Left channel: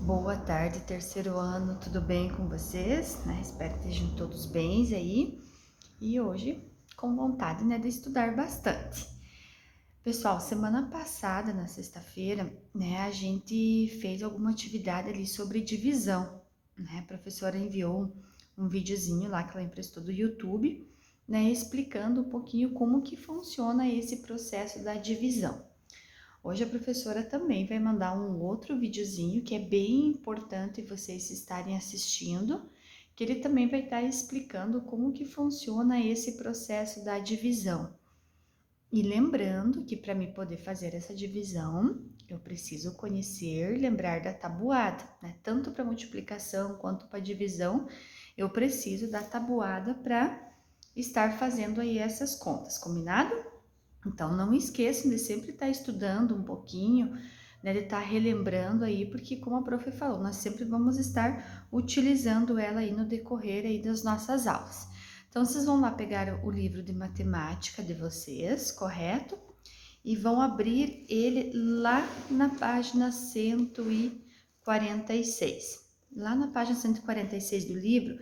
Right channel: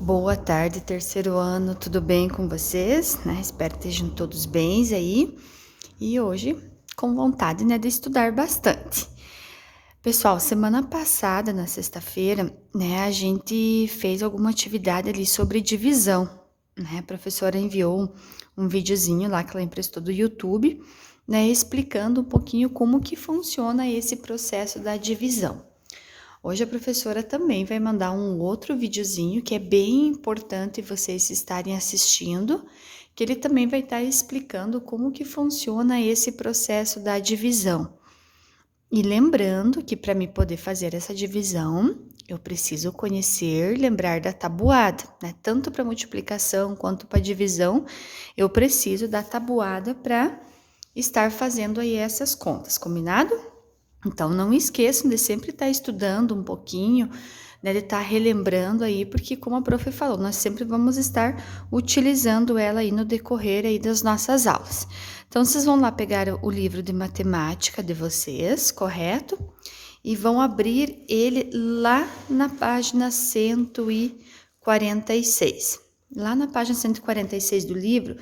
Boa tarde, terceiro ano, tudo bem com vocês? Espero que estejam todos bem aí. E hoje, com vontade, de estudar bastante. Pessoal, semana passada, na sexta-feira, a gente fez alguma atividade ali sobre divisão, A professora enviou um videozinho lá que ela emprestou do YouTube, explicando um pouquinho como que funciona esse processo da divisão. Hoje a professora também vai mandar um outro videozinho que é bem importante vocês estarem assistindo, que ele também vai estar explicando como que funciona esse processo da divisão. E lembrando que para me poder fazer essa divisão, eu preciso conhecer, lembrar da tabuada, Tanto para multiplicação quanto para divisão, eu preciso da tabuada para estar fazendo aí essas contas, combinado? Então, não esqueçam de sempre estar estudando um pouquinho, de estar relembrando aí, porque como a prof falou, nós sempre vamos estar utilizando ela aí no decorrer aí das nossas aulas. Então, vocês vão lá pegar o livro de matemática de vocês, correto? E vão abrir ele lá na página 146. Lá na página 146 do livro,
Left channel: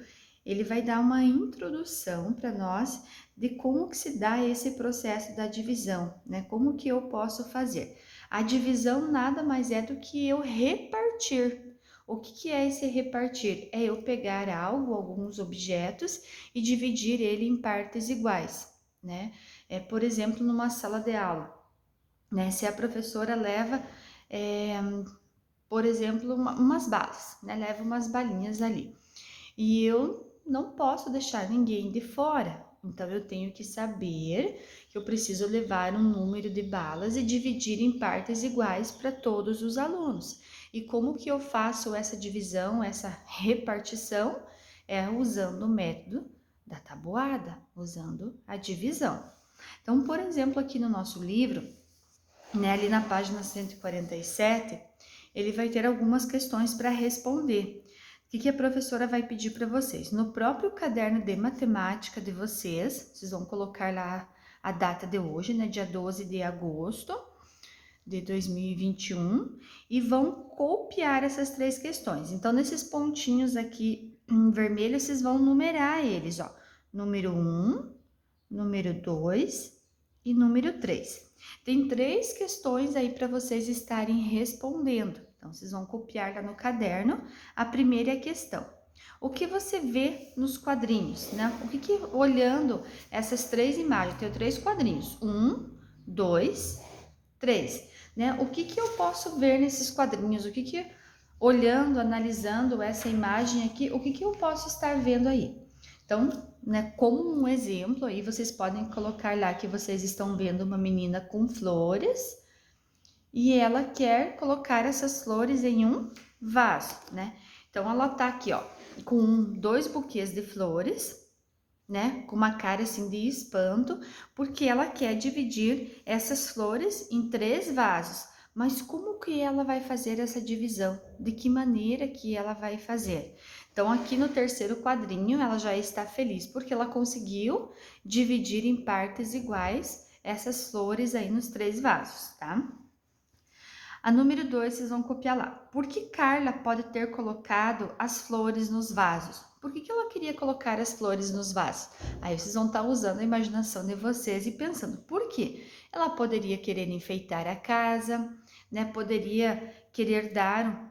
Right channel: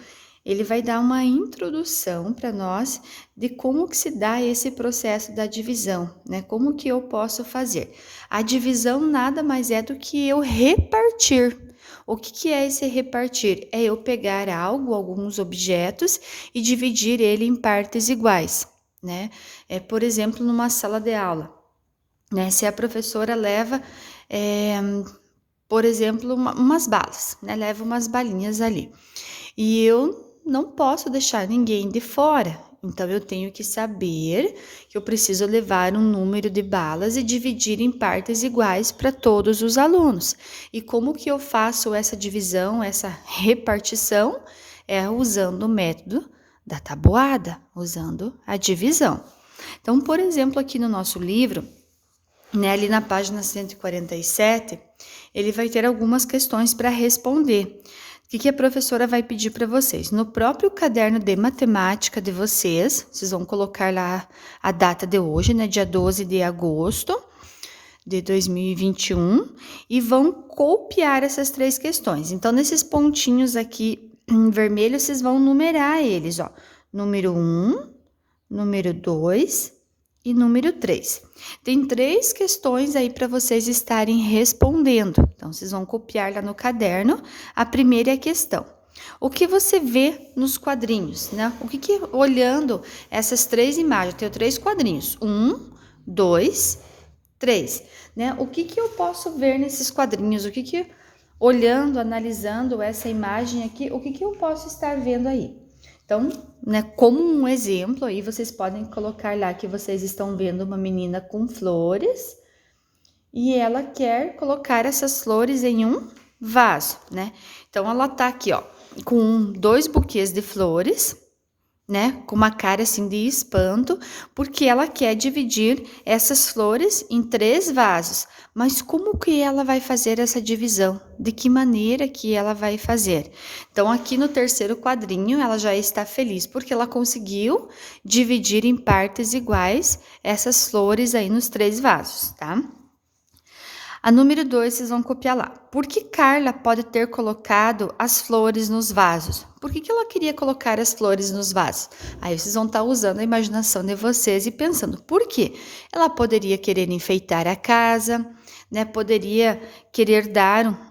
ele vai dar uma introdução para nós de como que se dá esse processo da divisão, Como que eu posso fazer? A divisão nada mais é do que eu repartir. O que é esse repartir? É eu pegar algo, alguns objetos e dividir ele em partes iguais, por exemplo, numa sala de aula, Se a professora leva, por exemplo, umas balas, Leva umas balinhas ali. E eu não posso deixar ninguém de fora. Então, eu tenho que saber que eu preciso levar um número de balas e dividir em partes iguais para todos os alunos. E como que eu faço essa divisão, essa repartição? É usando o método da tabuada, usando a divisão. Então, por exemplo, aqui no nosso livro, ali na página 147, ele vai ter algumas questões para responder. O que a professora vai pedir para vocês? No próprio caderno de matemática de vocês vão colocar lá a data de hoje, dia 12 de agosto de 2021, e vão copiar essas 3 questões. Então, nesses pontinhos aqui em vermelho, vocês vão numerar eles, ó. Número 1, número 2 e número 3. Tem 3 questões aí para vocês estarem respondendo. Então, vocês vão copiar lá no caderno. A primeira é a questão. O que você vê nos quadrinhos, O que olhando essas 3 imagens, eu tenho 3 quadrinhos. 1, 2, 3, O que eu posso ver nesses quadrinhos? Olhando, analisando essa imagem aqui, o que eu posso estar vendo aí? Então, como um exemplo aí, vocês podem colocar lá que vocês estão vendo uma menina com flores e ela quer colocar essas flores em um vaso, Então, ela tá aqui, ó, com 2 buquês de flores, com uma cara assim de espanto, porque ela quer dividir essas flores em 3 vasos. Mas como que ela vai fazer essa divisão? De que maneira que ela vai fazer? Então, aqui no terceiro quadrinho, ela já está feliz, porque ela conseguiu dividir em partes iguais essas flores aí nos 3 vasos, tá? A número 2, vocês vão copiar lá. Por que Carla pode ter colocado as flores nos vasos? Por que ela queria colocar as flores nos vasos? Aí vocês vão estar usando a imaginação de vocês e pensando, por quê? Ela poderia querer enfeitar a casa, Poderia querer dar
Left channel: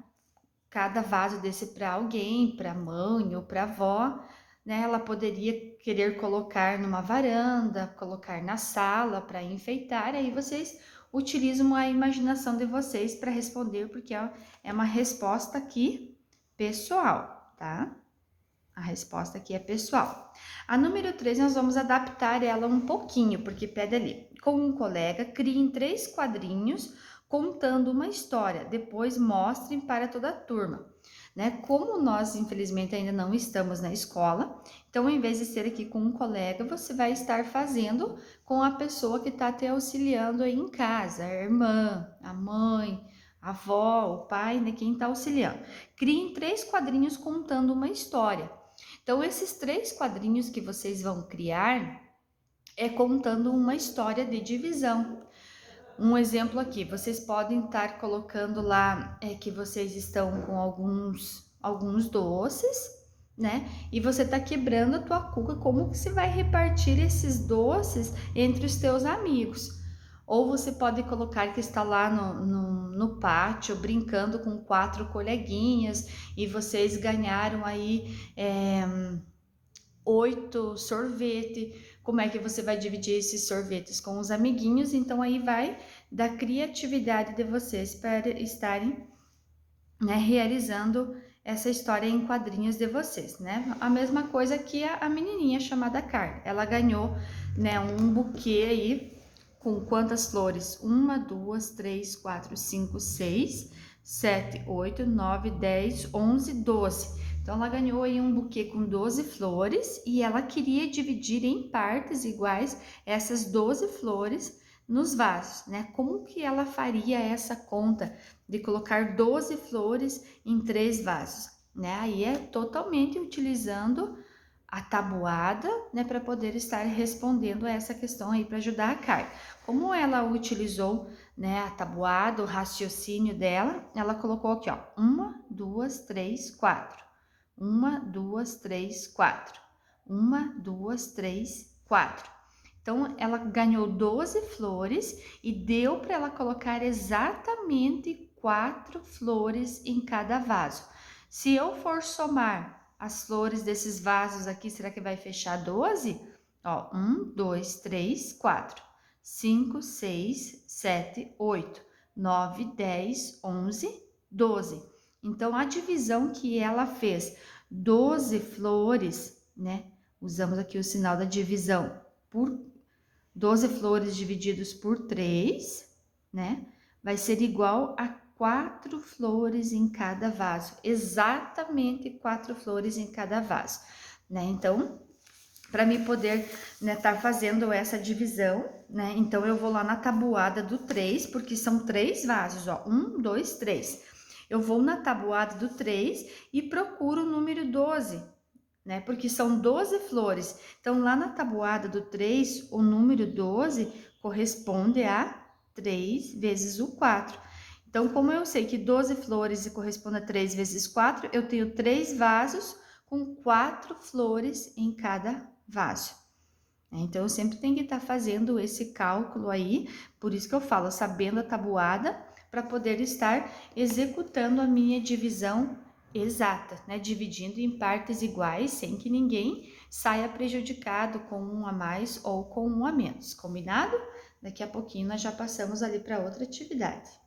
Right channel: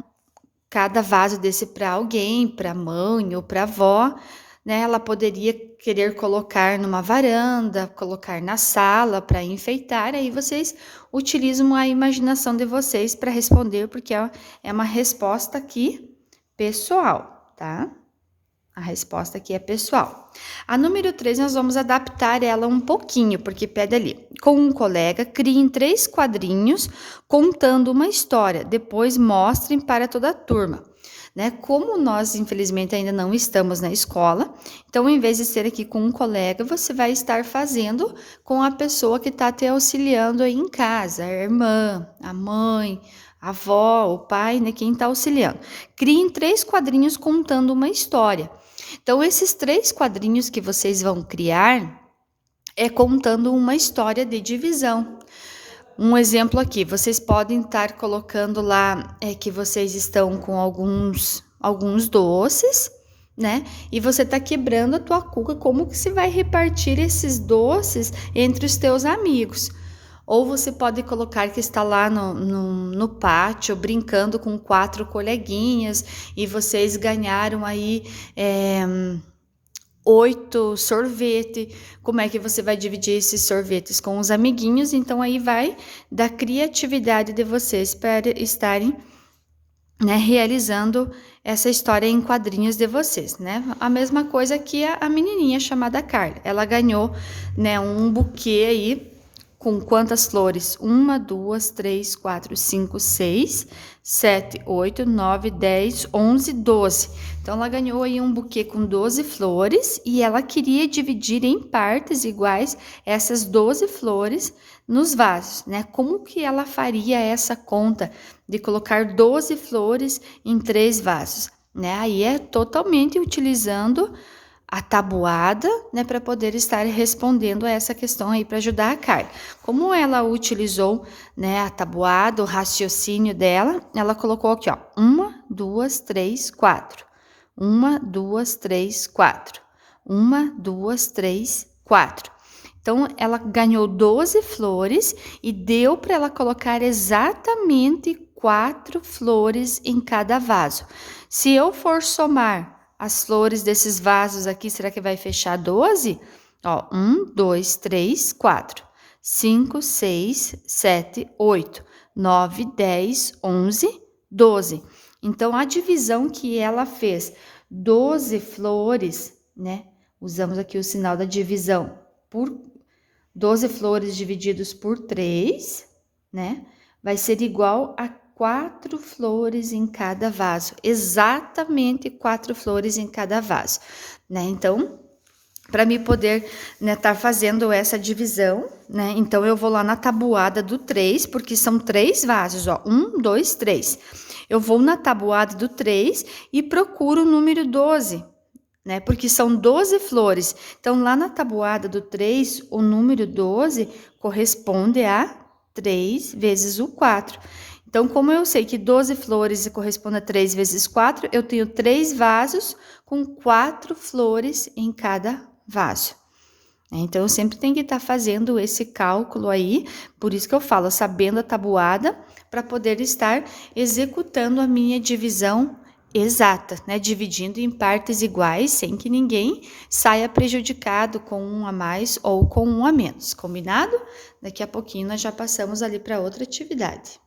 cada vaso desse para alguém, para a mãe ou para a avó, Ela poderia querer colocar numa varanda, colocar na sala para enfeitar, aí vocês utilizam a imaginação de vocês para responder, porque é uma resposta aqui pessoal, tá? A resposta aqui é pessoal. A número 3, nós vamos adaptar ela um pouquinho, porque pede ali. Com um colega, criem 3 quadrinhos contando uma história. Depois mostrem para toda a turma. Como nós, infelizmente, ainda não estamos na escola, então, em vez de ser aqui com um colega, você vai estar fazendo com a pessoa que está te auxiliando aí em casa, a irmã, a mãe, a avó, o pai, quem está auxiliando. Criem 3 quadrinhos contando uma história. Então, esses 3 quadrinhos que vocês vão criar é contando uma história de divisão. Um exemplo aqui, vocês podem estar colocando lá que vocês estão com alguns doces, né? E você tá quebrando a tua cuca, como que você vai repartir esses doces entre os teus amigos? Ou você pode colocar que está lá no pátio brincando com 4 coleguinhas e vocês ganharam aí 8 sorvete. Como é que você vai dividir esses sorvetes com os amiguinhos? Então aí vai da criatividade de vocês para estarem, né, realizando essa história em quadrinhos de vocês, né? A mesma coisa que a menininha chamada Carla. Ela ganhou, né, um buquê aí com quantas flores? 1, 2, 3, 4, 5, 6, 7, 8, 9, 10, 11, 12. Então, ela ganhou aí um buquê com 12 flores e ela queria dividir em partes iguais essas 12 flores nos vasos, né? Como que ela faria essa conta de colocar 12 flores em 3 vasos, né? Aí é totalmente utilizando a tabuada, né, para poder estar respondendo a essa questão aí para ajudar a Carla. Como ela utilizou, né, a tabuada, o raciocínio dela, ela colocou aqui, ó, 1, 2, 3, 4. 1, 2, 3, 4. 1, 2, 3, 4. Então, ela ganhou 12 flores e deu para ela colocar exatamente 4 flores em cada vaso. Se eu for somar as flores desses vasos aqui, será que vai fechar 12? Ó, 1, 2, 3, 4, 5, 6, 7, 8, 9, 10, 11, 12. Então, a divisão que ela fez, 12 flores, né? Usamos aqui o sinal da divisão por 12 flores divididos por 3, né? Vai ser igual a 4 flores em cada vaso, exatamente 4 flores em cada vaso, né? Então, para mim poder, né, tá fazendo essa divisão, né? Então, eu vou lá na tabuada do 3, porque são 3 vasos, ó, 1, 2, 3. Eu vou na tabuada do 3 e procuro o número 12, né? Porque são 12 flores. Então, lá na tabuada do 3, o número 12 corresponde a 3 vezes o 4. Então, como eu sei que 12 flores corresponde a 3 vezes 4, eu tenho 3 vasos com 4 flores em cada vaso. Então, eu sempre tenho que estar fazendo esse cálculo aí, por isso que eu falo, sabendo a tabuada, para poder estar executando a minha divisão exata, né? Dividindo em partes iguais, sem que ninguém saia prejudicado com um a mais ou com um a menos, combinado? Daqui a pouquinho nós já passamos ali para outra atividade.